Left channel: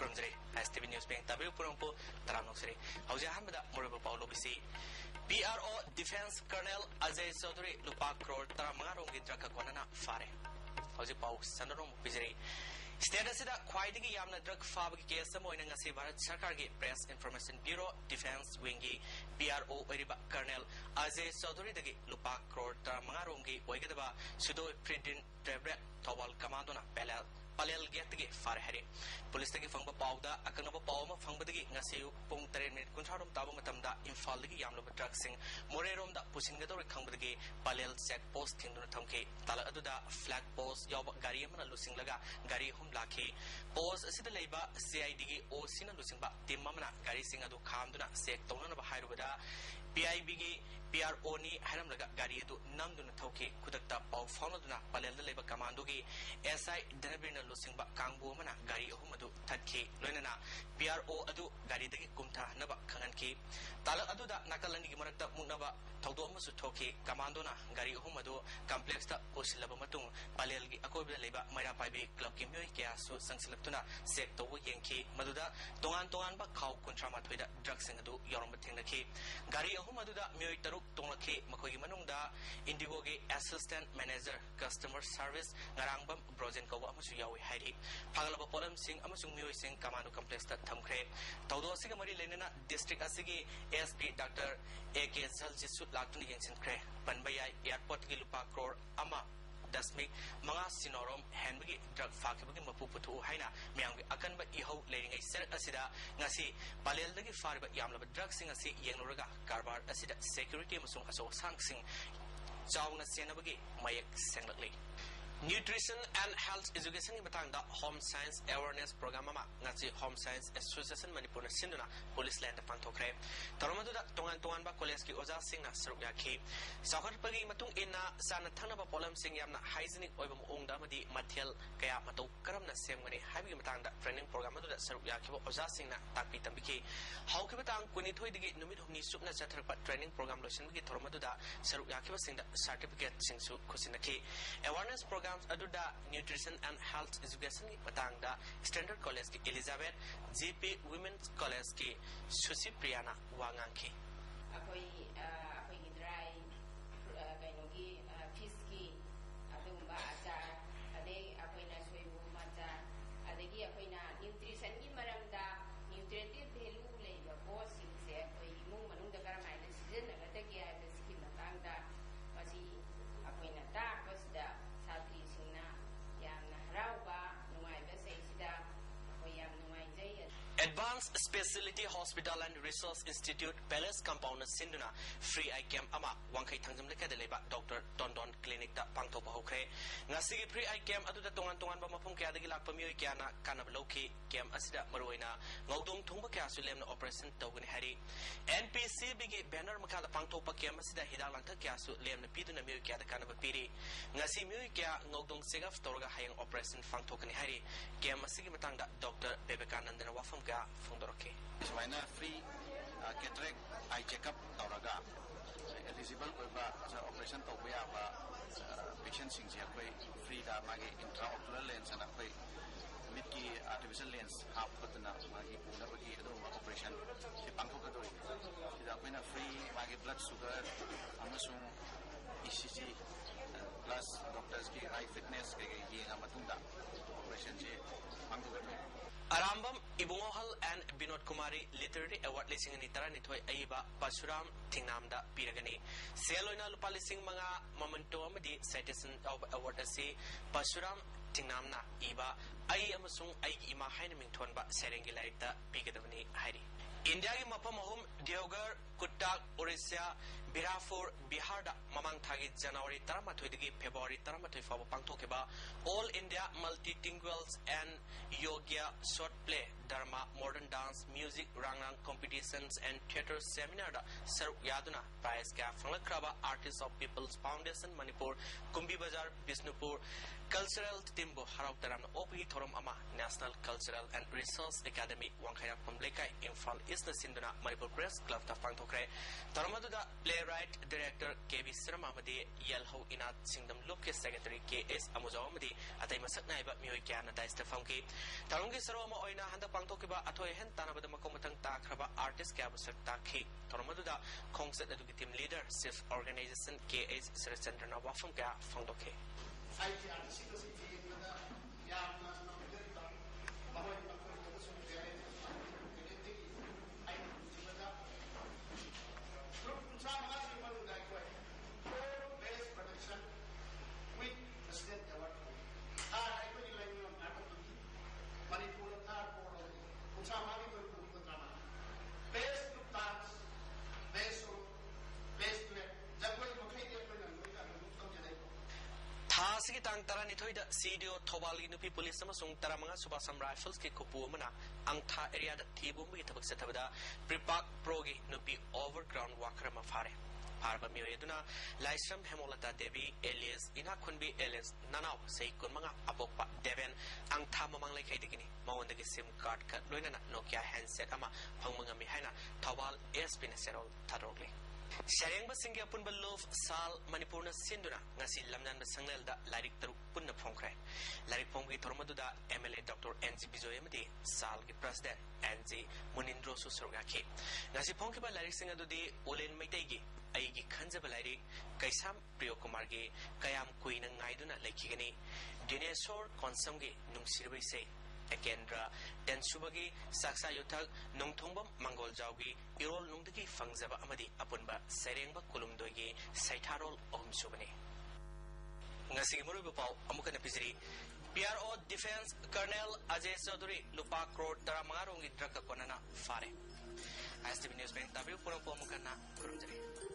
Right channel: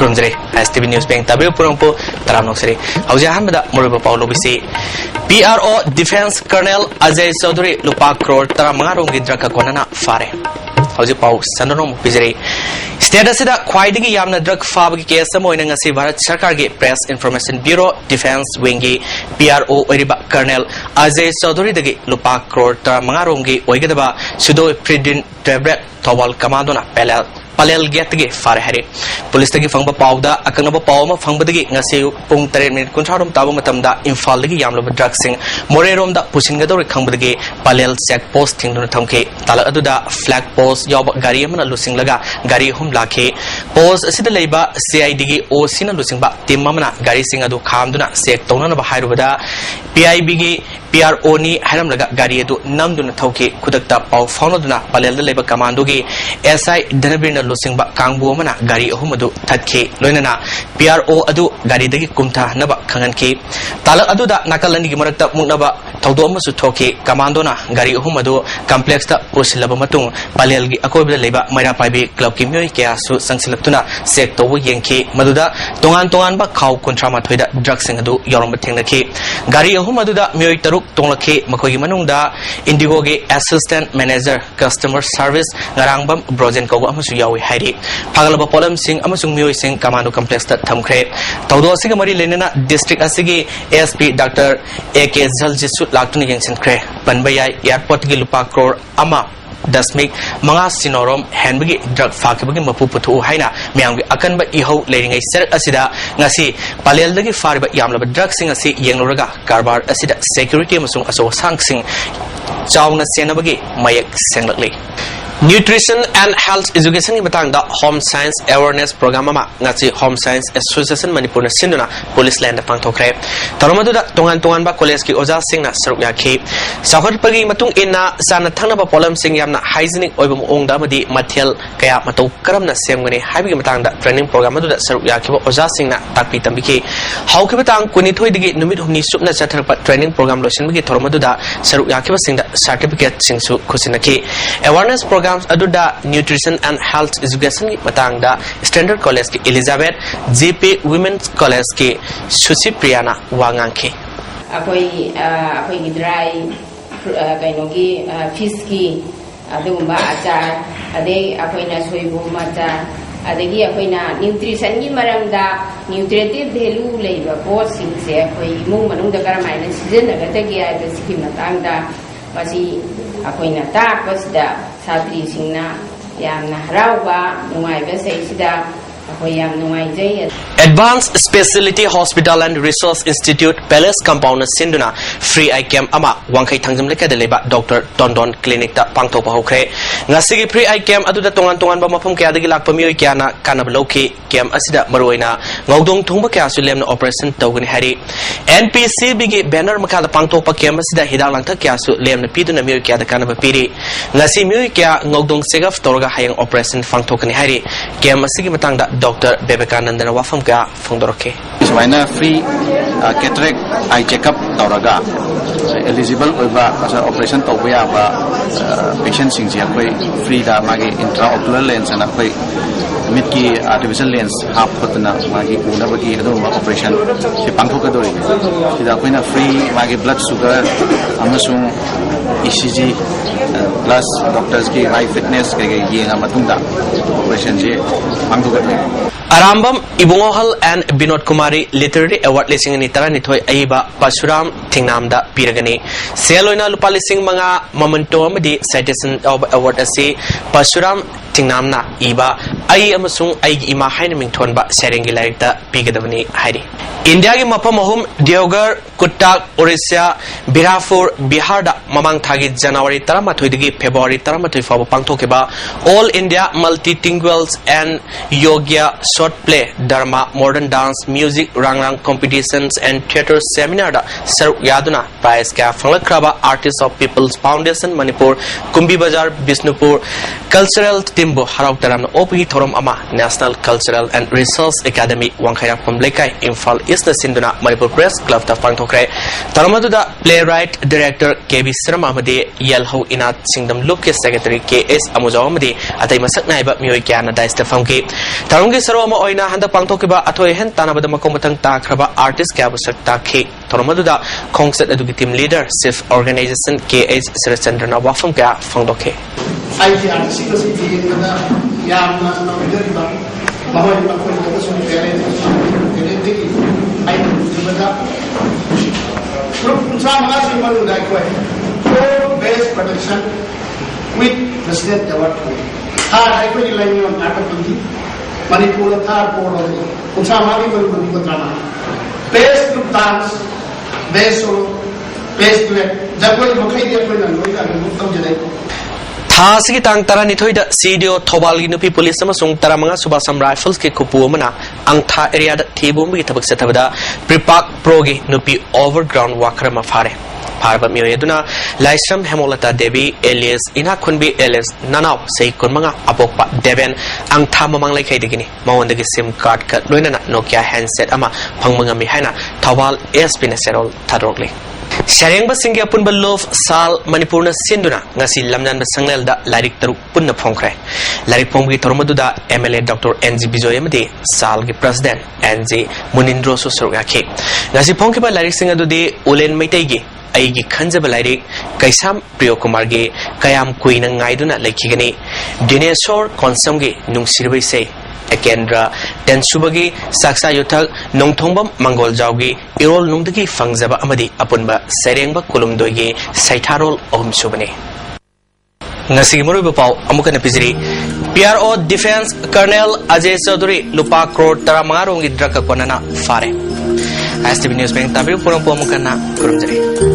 खुरमजरे STV news बैंक तबे पुरंपो तरानोसरे हौजा हनबदा मुरबा पाउलो बिसी PRO defence colonel Ajay Chaudhary लुपा करोड़ तरा मंगारोंग गिद्रका कोनना फारे हौजे पाउ सनरोम बिजरे स्टेट असिदा ख्वाइदगी यामना ड्रग फाबगी केस अमोइना ngasi भारत सरकार के प्रेस इन्फॉर्मेशन ब्यूरो डिफेंस विंगी PRO ओरिबा कर्नल अजय चौधरी दगी लुपा करोड़ तरा मंगारोंगी ओइगदबा सुदो प्रिडिन टैबलेट थोवाल कमांडोना पलेल गेट के फारे हरे पुलिस तगी फंगबा पाउदा अकंगबा पाउमा फंगबदगी ngasi पुंग 3 मिनट कुंथारोम ताबो मतमदा इंफाल दगी यामलबा ड्रग सिंग मोरेरोम दा पुसिनगदोरे खंगबदगी पलेल चेक पोस्ट थिंगदुना थमके ताला अदुदा फ्लैग पोस्ट याब गाड़ी अमना लुसिंगलगा गाड़ी हुम लाखे पोस्ट असिदा लेबा CID गी ओसिना लुसिंगबा टीम अमना गाड़ी सिंग अदु खामदुना सेक तौननबा हाइरुबदा PIB गी PRO नि हाइरमलगा गाड़ी अदु नमदुना थौके खुदकता पाउ फाउनदुना पलेल दा लेबा कमांडो गी SI धनबीरना लुसिंगबा कांगबु अमना गाड़ी अहुम अदु थतखे लोइनना PRO अदु गाड़ी दगी कुमथा नबा खंगनके ताला अदुदा नाकलनि गी मरकता मुनबा थौदो अमसु थोके कमांडोना गाड़ी अहुम अदु कॉम्प्लेक्स ता पुसिलबा मतुंग पलेल गी अकोबदा लेबा मैरा पाइबे क्लब की म्योय केयासु संगसिलक्तुना सेक तोबो येंखे मदुदा तोंगान तोंगान बा खाव कुंथ्रा माथोइदा ड्रग सिंग अदु यौरम थेंगनखे गाड़ी अहुम अदुदा म्योय तरुक तोंलखे मखोगी मनुंगदा इंडिगो गे assistant manager customer service ngarangsbam brojen ko amusu yawi hairi phagalaba polam sing amusung myoi sing kamano complex ta thamkhre tawdo asiga mari lenena district asigi ASP Dr. AK Zaljisu laktuni yengsin khre panbayai airport gi lupa crore ama dasmik manga sinorom henbagi drug fakibagi mapu puthu haina myanggi akanba ihau leiringai ser asida ngasi palel dagi fariba yamlaba drug sing asi yengloraga karbar asida security amusung aso sangsing chauna senabagi mayak senglakle Nutrition and Health Education की बतांग दा Home Science Awareness Program मा ngasi Home Science Association Manipur na sinduna Police Land pang thokre taromadu da tongan ba college ki oja sing na saruk yakhi sahar pagi matung inna sana thangna ba polam sing yamna hygienic oiba ong da madi mathel kaya matau karam na semgani haibi matang da training program adu da saruk yakhi ba oja sing na takpi tambi ki hau ki batang kuni thoi digi numit humni supna chathar pa training program losin bi taromadu da saruk yakhi ba sing da certificate sing su khusinaki awareness program aduda nutrition and health education ki matang da standard college ki Elizabeth JP women's college ki Susi Priyana wangang ki akoi gidrai kainogi fish ki adugumba achar ade akoina soibu mata adegi akoina nutrition ki maramda nutritive value leiba post sing se akoi mung manung da karamaina season agata gi ai basiki matang da basi akoina ta pasda Satri singna yamna harauba nungaiba seisida akhoi yam nungaijai Advanced Specialty Hospital and Resource Institute Palace Compound Sinduna Free Eye Camp ama wangkai thangjam leka de leba Dr. Dondon Clinic ta pangtho pa hokre ngasigi Free Eye Camp aduda tongan ba mafum kya dagi lakpa mioi kya na kanab loki camp asida maroina ngawdong thungba kya su lemna operation tawgani hari NPC bigi banner makha da pangtho pa camp asida hidang langtha kya su lemna piduna mioi kya da kanaba piri ngasi mioi kya ngawdong segaf torga hayang operation pangthokani hari camp asigi matang da Dr. Bebekanandana wafam ka fongdoroke Iswaina free cataract eye checkup tauraga eligible oiba operation tawya ba patient sing ji akoi free da magi intraocular lens ana koi mid ki artificial lens half khotna magi unabagi adu operation se pangthokadori sida koina free magi blood sugar amasung ECG plus doctors ki high fitness ke yenga matungda operation je pangthokadori Arambam Ibungohal and Binod Kumari Literary Award lising ni tara nithoi aiba Pasuram Thingnamda piragani seloina lupa lising mga momento amadi citation of award asi Pasuram Thingnamna iba ai amasung ai ima haina mingthon ba serengi lairikta pigadabani hairi India ki mapam ahum Deoghar Kuttak Orissa Birhapur Bihar da mamang thagi January 13 dagi February 13 fawa pangthokeba All India Multilinguals and Yoga short play Dharma modern dance music rangrang competitions and theatre seminar da saruk yaduna prize ka phanglakraba Artists of People's Foundation Manipur Kumbi Bazar Bisnupur cultural timbo harau taram opi थोरम अमा national cultural and research academy वांखैराखम लेकाई Imphal east सिंधुना Manipur press club ता पांगथोखरे तरमदुदा playwright director KB Sharma अमदे यलहौ इनाथ सिंगदम लुक के सेक्रेटरी केएस अमुजाव अमदे अतै मसक नाइबा मियोय क्याना दाइस्ता फमके तरमगे सरो अमा ओइना हंदा पांगथोकिबा अथोय हेन तानाबदा मकों मतंग ताखरबा आर्टिस्ट क्याबु सक ताखे तरमदुदा खोंगसत अदुगी टीम लीडर सिफ ऑर्गेनाइजेशन केएस सरचंद्रना वाफम क्या फंगदोखे best production with the state award. Thar I could line on Atapandi, Manipur, Thar, Port, Utsamari, Drama. Best group dance, best solo, best duet. Jaguar Mokai, थासी तांग तरा निथोइदा सीडियो थोबालगी नुपी police अमसुंग तरामंगा सुबासम rifles के कुपु अमना अंगथा area दा थेबुमगी थबक सथबदा प्रिपाक प्रोगी नुपी overground walker मफारे फारबा मियोयदुना Laishram हेमोलता देवी alias इना खुनबी alias ननाव सही कुनमंगा अपोकपा Deven अंगथा ममंग लेखैदगिनी मवंदगी SIM card का लोइना Nokia handset अमा फंगमंगा मि हाइना Thoubal SP ने सेरोल थारोगले Sharing Singa Punba Love Sal Manipurna Sinduna, Nasi Lamnan Sanglda, Larik Taru Punna Pongre. Larik Pongi Tormaduda, MLA Dr. NZ Bizoyamade, Salgi President, NZ Munindro Susurgaki. Nasi Ponkiba Larik Singadude, Ulen Maitegi, Aigi Kanzabalari, Kaisam Priokumarge, Kayam Queen and Gaiduna Lakigani, Dinesor Konsumgi, Nung Sirwe say. Ekendra Tensubagi Saksa Yuthak Nongthombam Mangol Jaugi Irol Nungdagi Fangzaba Amadi Apunba Serengba Kulumdogi Saitarol Om Subani Ngasi Muruba Pau Amukan Pizri PRO Defense Colonel Ajay Chaudhary Lupa Crore Taramarong Draka Konana Fare STV News Bank Tabi Purang Pumukana Kurumjari